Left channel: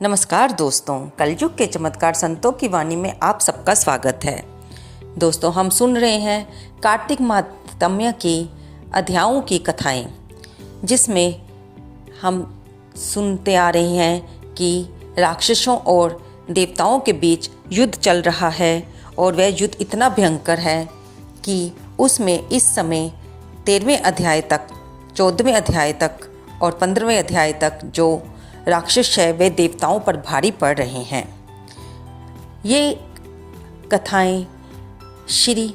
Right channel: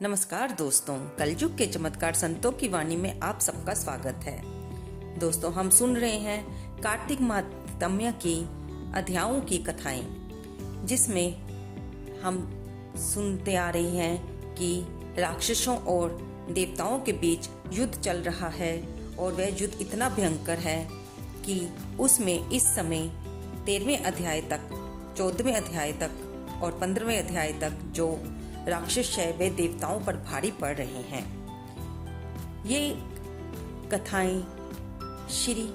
नमस्कार दोस्तों, कलयुग के चमत्कार संतों की वाणी में आप सबका स्वागत है। दोस्तों, हम सुन रहे हैं कार्तिक महात्म्य के अध्यायों की कथाएं, जिसमें हम सुनते आ रहे हैं कि राक्षसों और देवताओं के बीच युद्ध चल रहा है और वह युद्ध इतना भयंकर है कि उसमें इस समय 13वें अध्याय तक, 14वें अध्याय तक और 15वें अध्याय तक जो राक्षस है वे देवताओं पर भारी पड़ रहे हैं। ये कथाएं श्री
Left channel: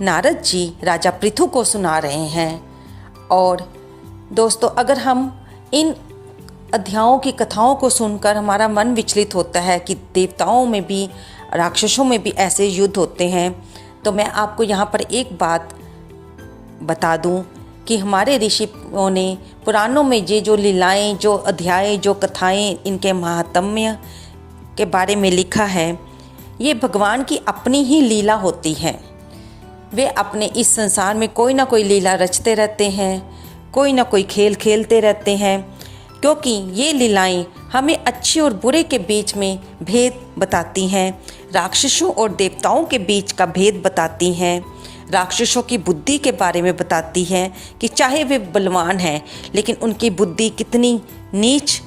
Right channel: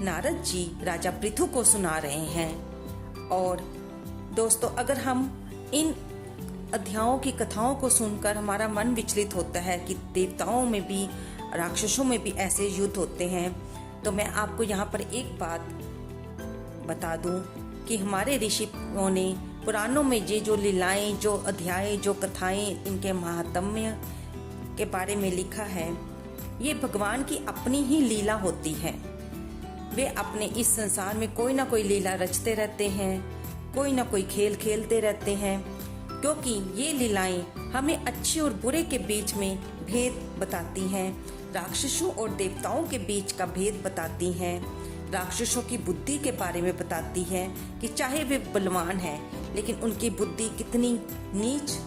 नारद जी राजा पृथु को सुना रहे हैं। और दोस्तों, अगर हम इन अध्यायों की कथाओं को सुनकर हमारा मन विचलित होता है कि देवताओं में भी, राक्षसों में भी ऐसे युद्ध होते हैं, तो मैं आपको यहाँ पर एक बात बता दूं कि हमारे ऋषियों ने पुराणों में ये जो लीलाएं, जो अध्याय, जो कथाएं, इनके महात्म्य के बारे में लिखा है, ये भगवान की अपनी ही लीला होती है। वे अपने इस संसार में कोई ना कोई लीला रचते रहते हैं, कोई ना कोई खेल खेलते रहते हैं, क्योंकि ये लीलाएं हमें अच्छे और बुरे के बीच में भेद बताती हैं, राक्षसों और देवताओं के बीच का भेद बताती हैं, राक्षसों की बुद्धि के बारे में बताती हैं कि चाहे वे बलवान हैं लेकिन उनकी बुद्धि कितनी नीच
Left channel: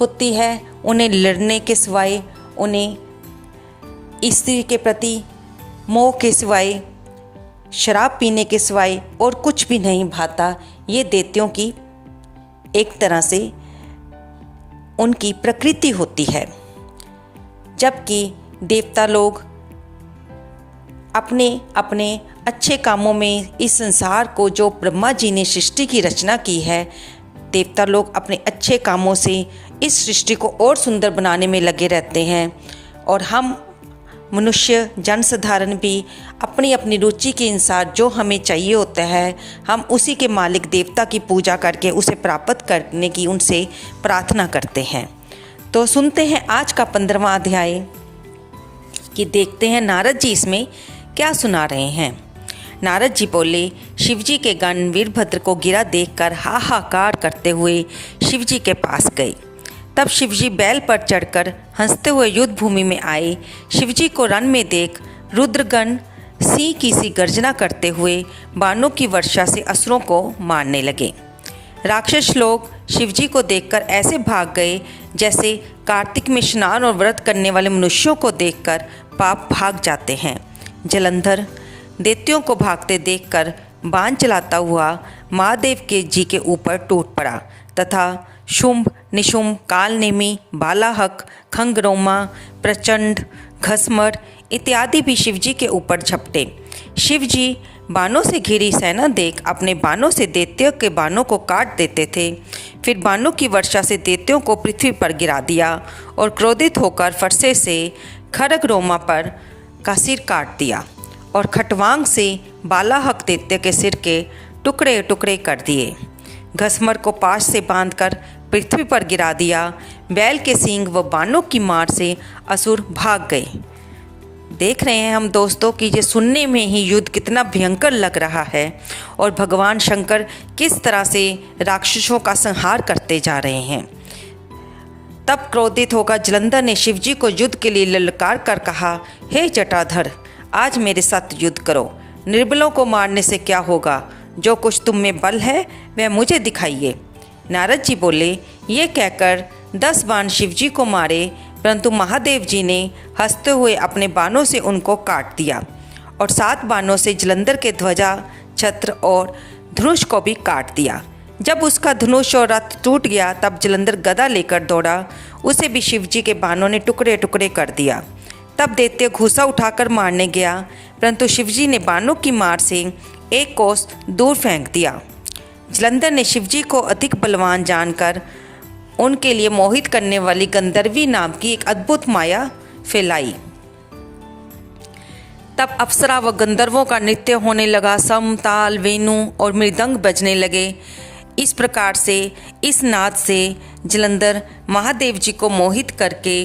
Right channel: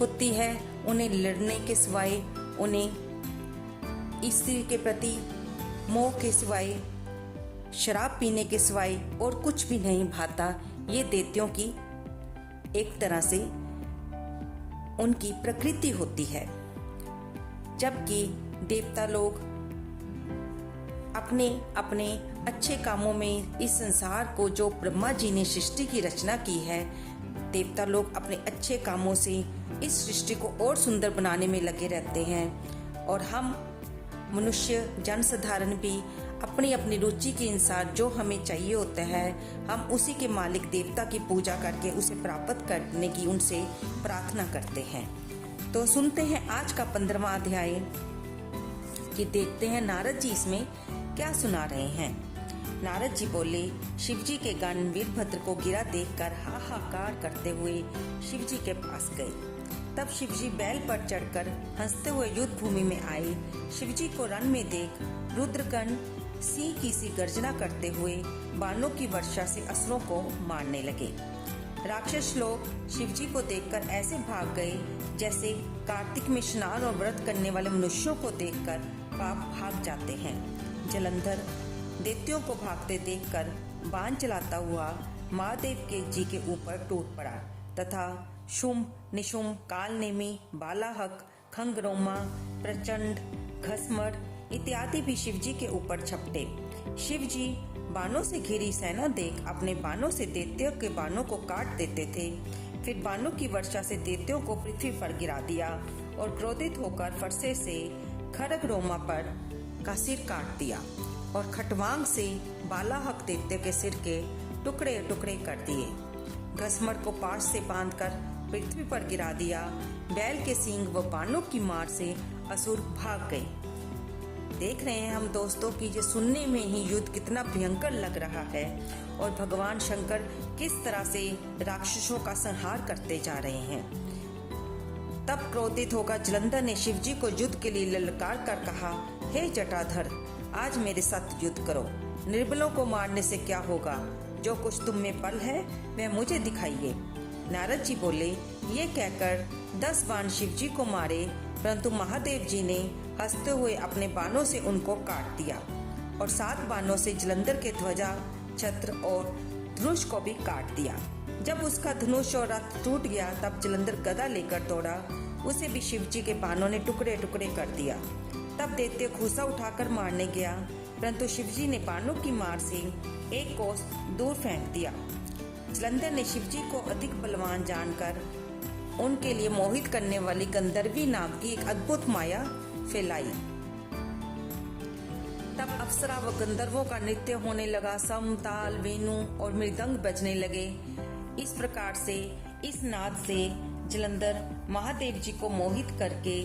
होती है। उन्हें लड़ने के सिवाय, उन्हें स्त्री के प्रति मोह के सिवाय, शराब पीने के सिवाय और कुछ भी नहीं भाता। ये दैत्यों की एक तरह से उनकी प्रकृति होती है, जबकि देवता लोग अपने अपने अच्छे कामों में इस संसार को, जो ब्रह्मा जी ने सृष्टि की रचना की है, देवता लोग अपने अच्छे कामों से इस सृष्टि को और सुंदर बनाने में लगे रहते हैं। और हम मनुष्य जनसाधारण भी अपनी अपनी रुचि के अनुसार जो हमें चाहिए होता है, हम उसी के मालिक देवता की पूजा करके उसे प्राप्त करने की उनसे प्रार्थना करते हैं। तो सुनते हैं आज का 15वां अध्याय कि देखते हैं नारद जी इसमें क्या सुना रहे हैं। नारद जी बोले, शिवजी के गण वीरभद्र को गिरा देखकर हाहाकार करते हुए शिवजी के पास गए। तब शिवजी बैल पर चढ़कर हंसते हुए युद्ध भूमि में आए। शिवजी को रण में देख रुद्रगण सिंह की सी गर्जना करते हुए बाणों की वर्षा से असुरों को मारने लगे। राक्षस लोग शिवजी को देखकर ऐसे भाग गए जैसे कार्तिक में स्नान और व्रत करने वाले मनुष्यों को देखकर पाप भाग जाते हैं। जलंधर दैत्यों को भागते देखकर बाण चलाता हुआ महादेव के जी के ऊपर टूट पड़ा तथा शुंभ, निशुंभ, कालनेमी, बालाहक, खंगरोमा, प्रचंड, घसमर इत्यादि भी शिवजी के ऊपर झपटे। शिवजी बाणों से घिरी सेना देख अपने बाणों से दैत्यों के बाणों को काट देते थे। फिर बाणों की वर्षा से दैत्यों को पृथ्वी पर गिरा दिया और क्रोधित होकर फरसे से खरगरोमा पर का सिर काट दिया और खटवांग से बालाहक दैत्य के सिर के टुकड़े टुकड़े कर दिए। घसमर को पाश से बांधकर पृथ्वी पर गिरा दिया। बैल के सींग व बाणों की मार से असुर भाग गए। देख रहे हैं हम दोस्तों कि ये सुनने में ही युद्ध कितना भयंकर लग रहा है और भगवान शंकर किस तरह से राक्षसों का संहार करते जा रहे हैं। तब क्रोधित होकर जलंधर ने शिवजी को युद्ध के लिए ललकार कर कहा, हे जटाधर, आज मेरे साथ युद्ध करो। निर्बलों को मारने से क्या होगा? जो कुछ तुम में बल है वह मुझे दिखाइए। नारद जी बोले, ये कहकर 10 बाण शिवजी को मारे, परंतु महादेव जी ने हंसते हुए अपने बाणों से उनको काट दिया और 7 बाणों से जलंधर के ध्वजा, छत्र और धनुष को भी काट दिया। जब उसका धनुष और रथ टूट गया तब जलंधर गदा लेकर दौड़ा, उसे भी शिवजी के बाणों ने टुकड़े टुकड़े कर दिया। तब दैत्य घूसा उठाकर मारने गया, परंतु शिवजी ने बाणों की मार से 1 कोस दूर फेंक दिया। जलंधर ने शिवजी को अधिक बलवान जानकर उनके लिए मोहित करने वाली गंधर्वी नाम की एक अद्भुत माया फैलाई। तब अप्सरा व गंधर्वों का नृत्य होने लगा, सम, ताल, वेणु और मृदंग बजने लगे। इस प्रकार से, इस नाद से जलंधर महादेव जी को मोहित करके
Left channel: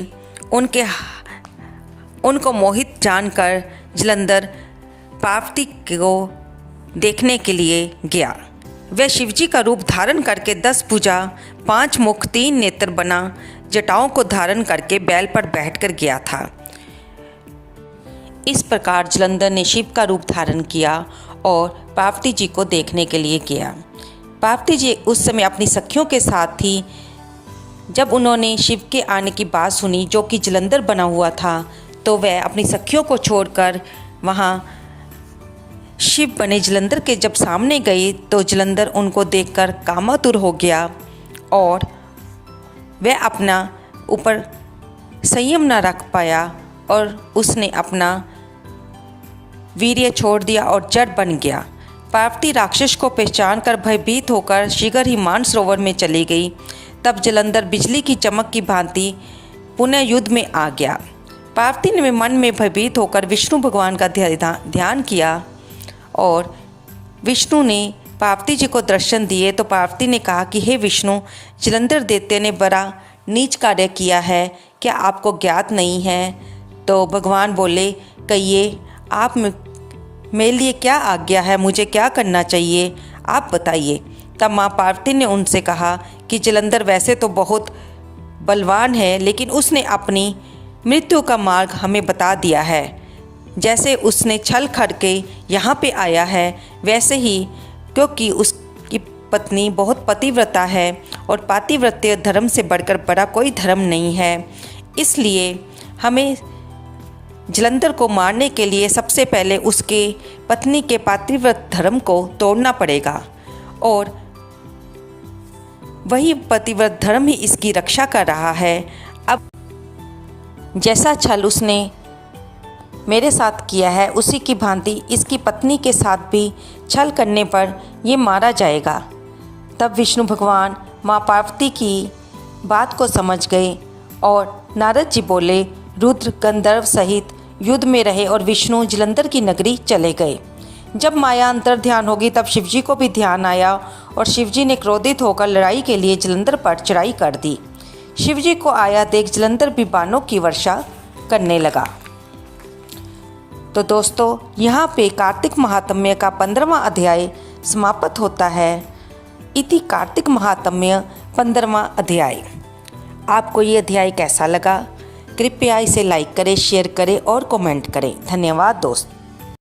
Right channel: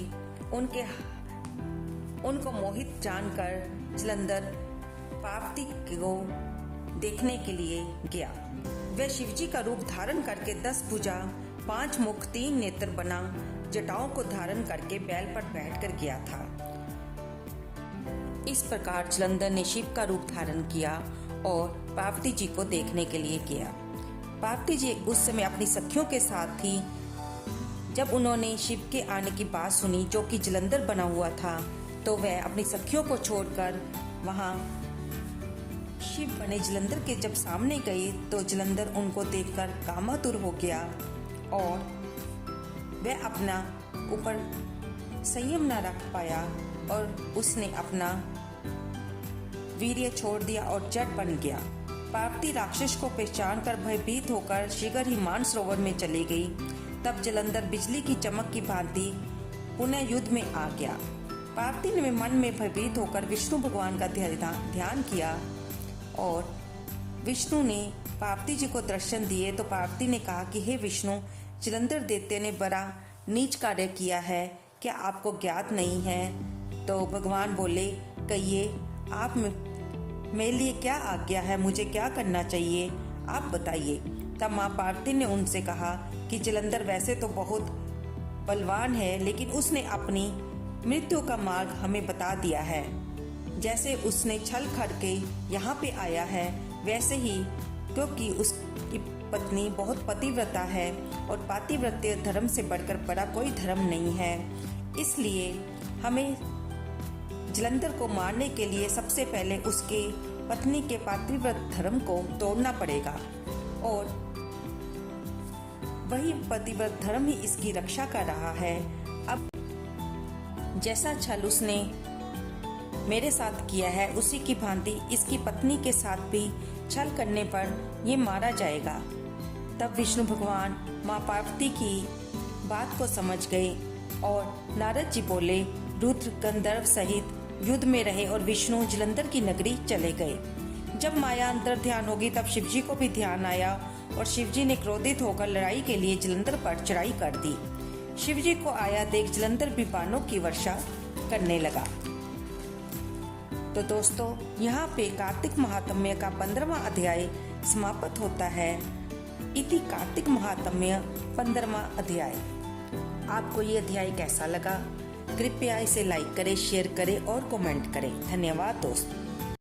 उनको मोहित जानकर जलंधर पार्वती को देखने के लिए गया। वह शिवजी का रूप धारण करके 10 भुजा, 5 मुख, 3 नेत्र बना। जटाओं को धारण करके बैल पर बैठकर गया था। इस प्रकार जलंधर ने शिव का रूप धारण किया और पार्वती जी को देखने के लिए गया। पार्वती जी उस समय अपनी सखियों के साथ थी। जब उन्होंने शिव के आने की बात सुनी जो कि जलंधर बना हुआ था, तो वह अपनी सखियों को छोड़कर वहाँ शिव बने जलंधर के जब सामने गए तो जलंधर उनको देखकर कामातुर हो गया और वह अपना ऊपर संयम न रख पाया और उसने अपना वीर्य छोड़ दिया और जड़ बन गया। पार्वती राक्षस को पहचान कर भयभीत होकर शीघ्र ही मानसरोवर में चली गई। तब जलंधर बिजली की चमक की भांति पुनः युद्ध में आ गया। पार्वती ने मन में भयभीत होकर विष्णु भगवान का ध्यान किया और विष्णु ने पार्वती जी को दर्शन दिए। तो पार्वती ने कहा कि हे विष्णु, जलंधर दैत्य ने बड़ा नीच कार्य किया है, क्या आपको ज्ञात नहीं है? तो भगवान बोले, कहिए आप मेरे लिए क्या आज्ञा है, मुझे क्या करना चाहिए, आप बताइए। तब माँ पार्वती ने उनसे कहा कि जलंधर वैसे तो बहुत बलवान है, लेकिन उसने अपनी मृत्यु का मार्ग हमें बता दिया है। जैसे उसने छल करके यहाँ पे आया है, वैसे ही क्योंकि उसकी पत्नी बहुत पतिव्रता है और पातिव्रत्य धर्म से बढ़कर बड़ा कोई धर्म नहीं है, इसलिए हमें जलंधर को मारने के लिए सबसे पहले उसके पत्नी के पातिव्रत धर्म को तोड़ना पड़ेगा और वही पतिव्रत धर्म ही इसकी रक्षा कर रहा है। अब जैसा छल उसने मेरे साथ किया है, उसी की भांति इसकी पत्नी के साथ भी छल करने पर ये मारा जाएगा। तब विष्णु भगवान माँ पार्वती की बात को समझ गए और नारद जी बोले, रुद्र गंधर्व सहित युद्ध में रहे और विष्णु जलंधर की नगरी चले गए। जब माया अंतर ध्यान होगी तब शिवजी को भी ध्यान आया और शिवजी ने क्रोधित होकर लड़ाई के लिए जलंधर पर चढ़ाई कर दी। शिवजी को आया देख जलंधर भी बाणों की वर्षा करने लगा। तो दोस्तों, यहाँ पे कार्तिक महात्म्य का 15वां अध्याय समाप्त होता है। इति कार्तिक महात्म्य 15वां अध्याय। आपको ये अध्याय कैसा लगा? कृपया इसे लाइक करें, शेयर करें और कमेंट करें। धन्यवाद दोस्त।